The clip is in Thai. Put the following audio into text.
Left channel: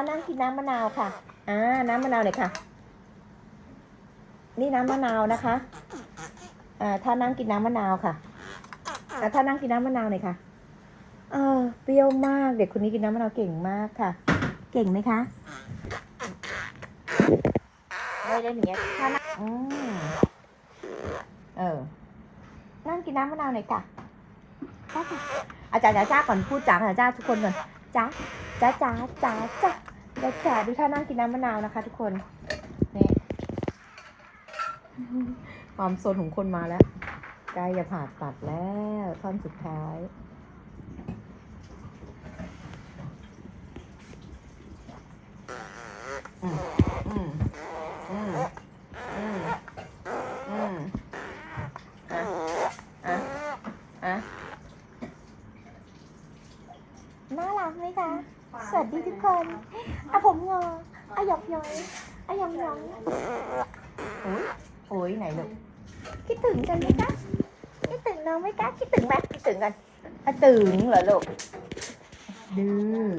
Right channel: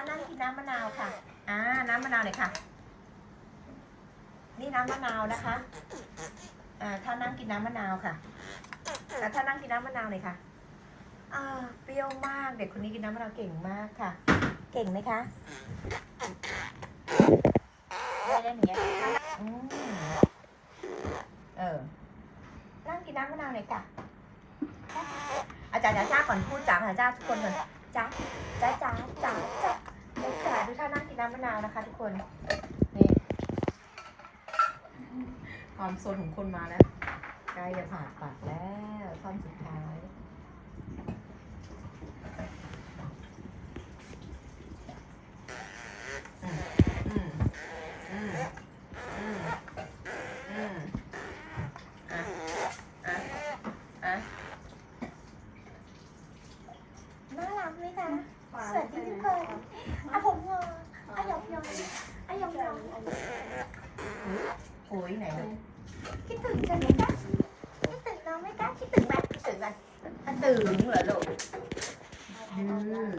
านั่งกินน้ำมะนาวค่ะ อ่า น้ำมะนาวหน่อยค่ะ นี่น้ำมะนาวนะคะ อ่า ถ้านั่งกินน้ำมะนาวค่ะอ่าถ้านั่งกินน้ำมะนาวหน่อยค่ะ เออเปรี้ยวมาก เด็กคนนี้กินน้ำมะนาวเก่งมากค่ะ เก่งไหมคะไม่ได้อย่างเงี้ยถ้านั่งอืมเออ นั่งกินน้ำมะนาวหน่อยค่ะอาจารย์จ้าก่อนพูดจ๋าค่ะจ้าทุกคนก่อนจ้าจ้าจ้าจ้าจ้า จ้าจ๋าดูท่านั่งกินน้ำมะนาวนะคะ ทุกคนนี่ความโซนของคนมาแล้วใกล้จะผ่าตัดแล้วท่อนสุดท้าย อืมอืมอืมอืมอืมอะอะอะ น่ารักไหมคะสวัสดีทุกคนอะผมงออะหยอกหยอกอะหยอกหยอกโอ้ยโอ้ยไหนลูกคิดถึงกันไหมคะคิดถึงน้องไหมคะคิดถึงไหมคิดถึงกันอะถึงเหรอลูกดื้อ